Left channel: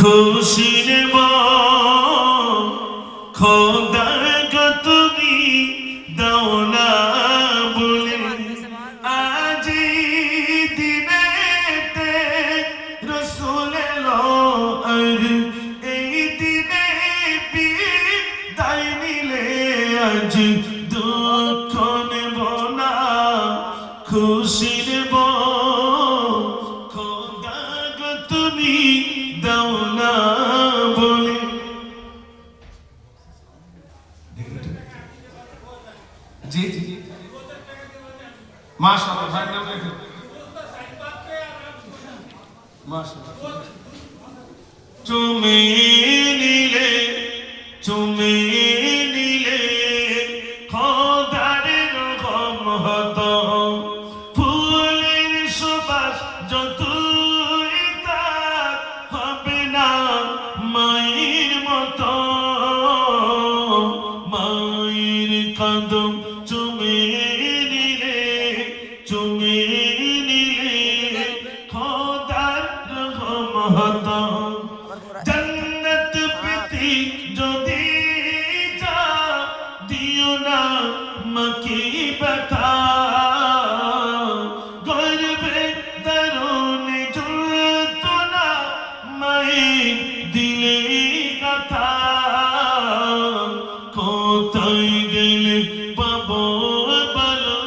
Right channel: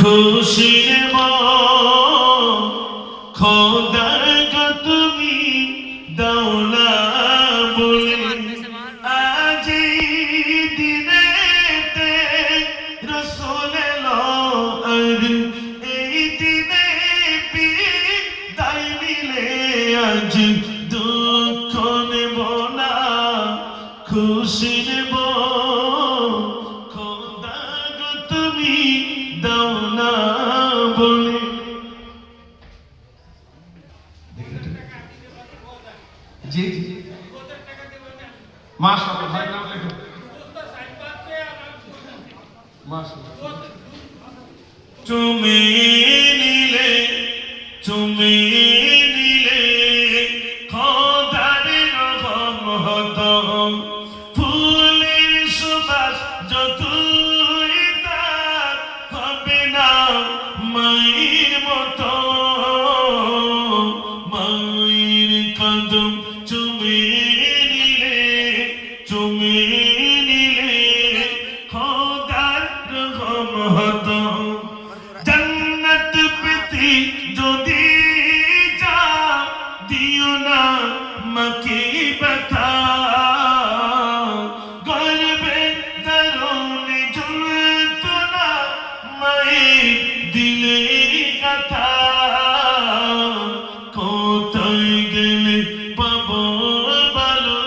খুশির খোদার গো তুমি দৌলা বলে আজ দিনেতে রসুল এলো আর এই দিনে বিদায় নিলে আজ দুঃখ নেব না খুশি নেব খোদা গো তুমি দৌলা বলে। জি জি মাশাআল্লাহ ভাই নাম লেখো মাশাআল্লাহ। চুমে নিলে খোদার রহমত ফুলের সুবাস যতই তার হবে না মায়ের মতো মায়ের কদম চুমে নিলে খোদার রহমত জান্নাত পেতে যদি যাও দিও না মাকে ব্যথা গর্বে দারুণে ঝুলতো না মায়ের দিলে কথা কোথায় গেলে পাবো ভালো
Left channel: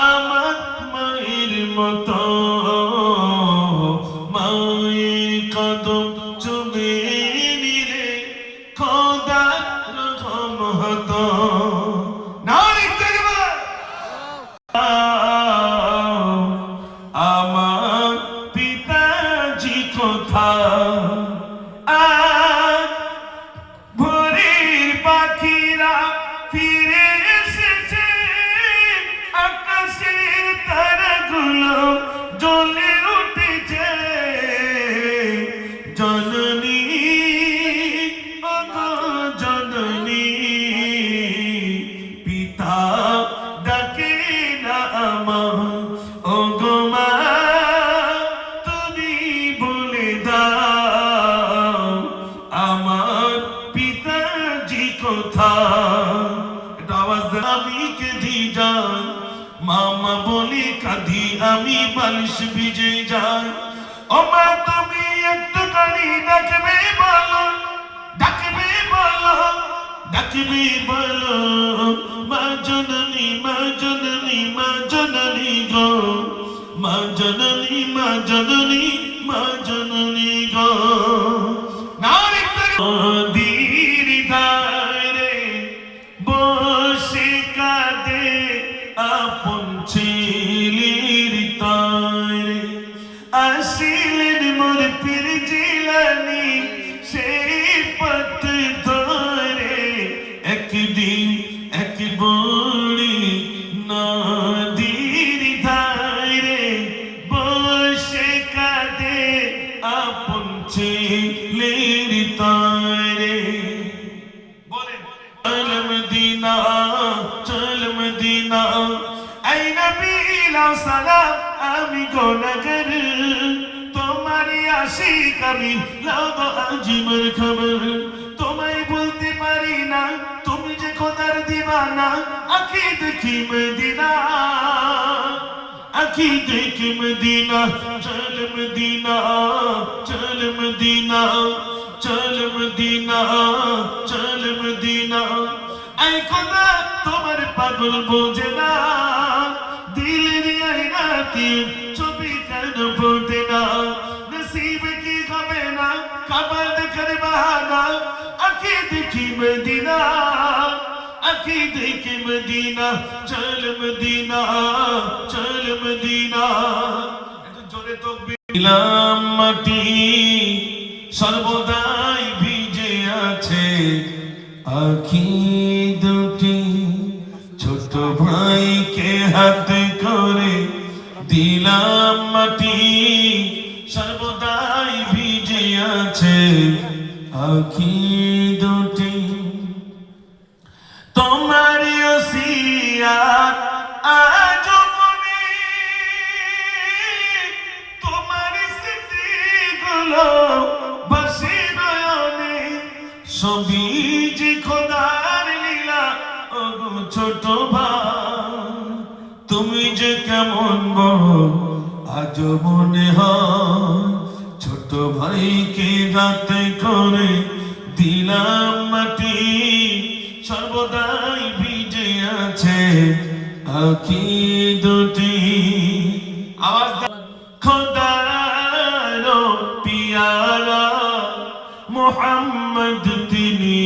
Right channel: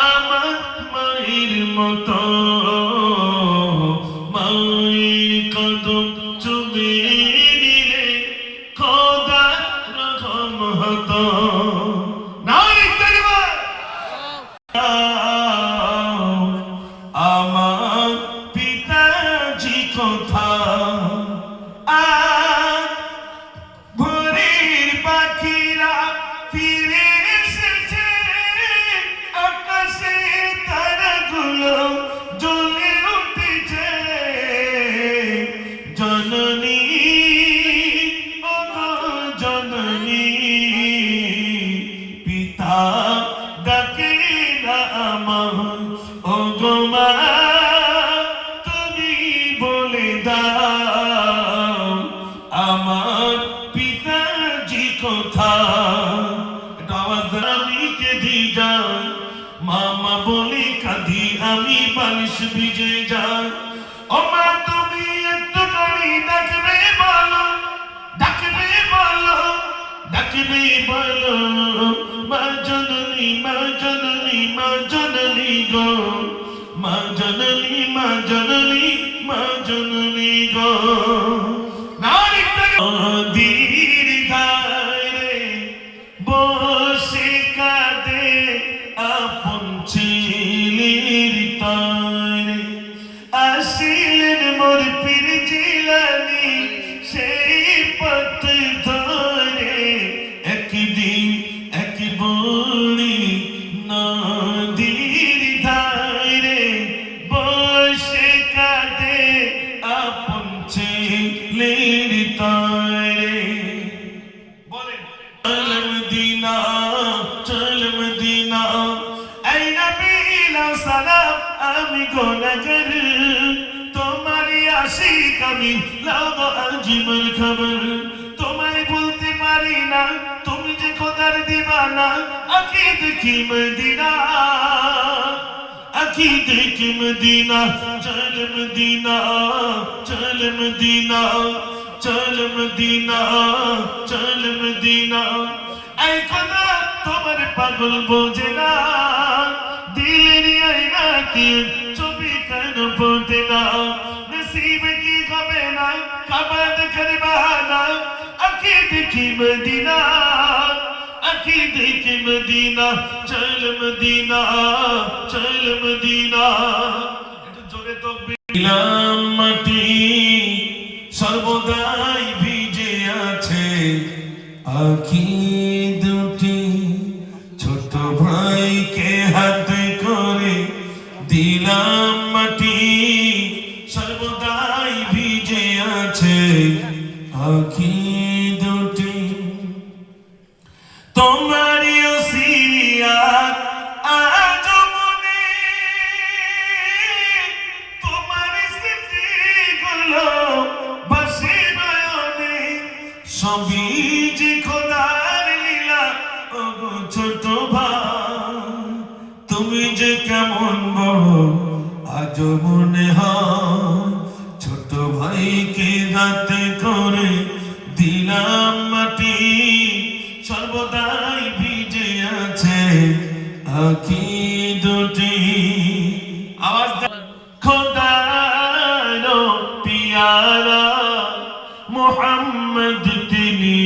আমার মায়ের মতো মায়ের কদম চুমে নিলে খোদার রহমত নারী তাকবীর আমার পিতাজি কোথায় আজ ভোরের পাখিরা ফিরে এসেছে আকাশে তারাগুলো জ্বলে উঠেছে জননী ওগো জননী পিতা ডাকে না আমার ওগো মা তুমি বলে দাও আমার পিতাজি কোথায়। এটা আওয়াজ দেন আমি কেঁদে যাই মামা বলে কাঁদি আমি বালিশ ভিজে যাই ও মা তুমি একটুখানি ডাকবে বলো মা জননী গো মা জননী গো নারী দীর ধারে বসে কাঁদে আপন ছেলের তরে আসিলেন মোর পীর জিলানী সেই পথ ধরে একদিন এক বড়ি নদীর ধারে বসে কাঁদে আপন ছেলের তরে বলেন চল মদিনা এই নবী লাও সালাম আমি গুনাহগার তোমারই আশিক আমি লাও আজিমের খবর তোমায় বলতে পারি না তুমি যে খোদার দিওয়ানা আঁখি দেখি মদিনা চল মদিনা এই খোদা তোমার পাগল বোঝে না দিলের আয়নাতে ছবি কেন ফোটে না নসিব কি হবে না কাবা দেখার বাহানা আঁখি দেখি মদিনা চল মদিনা একটু জোরে তাকবীর মাটি সর্বদাই ভিজে আছে আঁখি দুটি ছোট ভাইকে হাতে করে দিলাম মাটি সর্বদাই ভিজে আছে আঁখি দুটি তোমারই ওসিয়াত আজ মনে তোমার স্মৃতিগুলো বসে সবই যে খোদার লীলা ও ছোট ভাই তুমি যে কেমন বড় আজ মনে হয় ছোট ভাইকে হাতে করে দিলাম মাটি সর্বদাই ভিজে আছে আঁখি দুটি আওয়াজ খোদার পিয়ারা মোহাম্মদ তিনি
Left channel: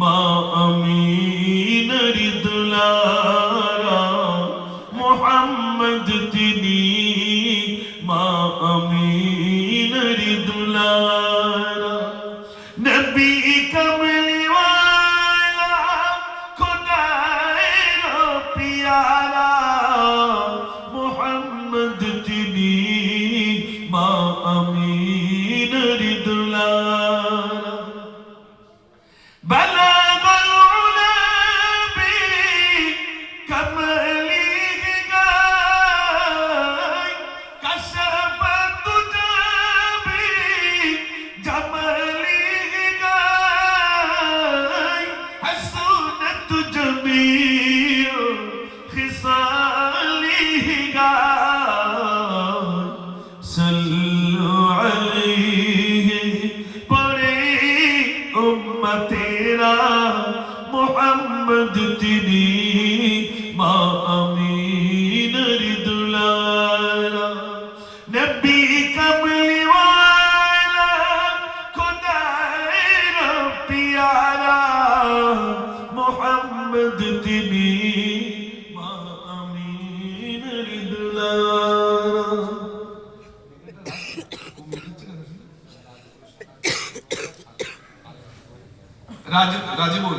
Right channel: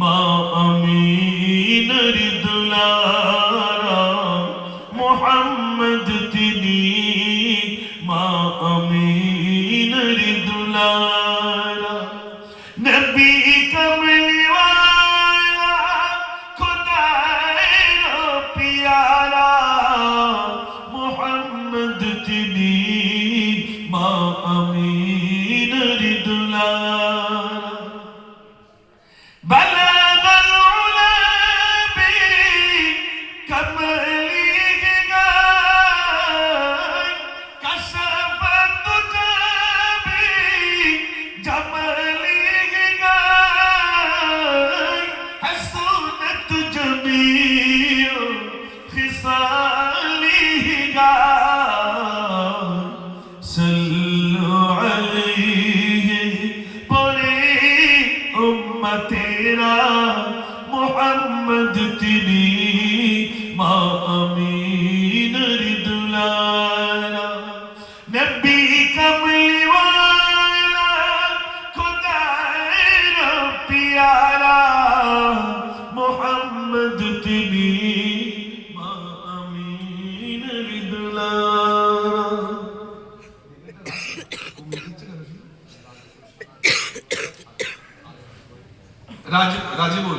মা আমিনের দুলারা মোহাম্মদ তিনি মা আমিনের দুলারা নবী কমলি ওয়ালা খোদার পিয়ারা মোহাম্মদ তিনি মা আমিনের দুলারা بلغ العلا بكماله غاي كشف الدجى بجماله غاي حسنت جميع خصاله غاي صلوا عليه तेरा मोहम्मद तिनी मा अमीनर दुलारा नबी कमली वाला खुदार प्यारा मोहम्मद तिनी मा अमीनर दुलारा রাজি বল।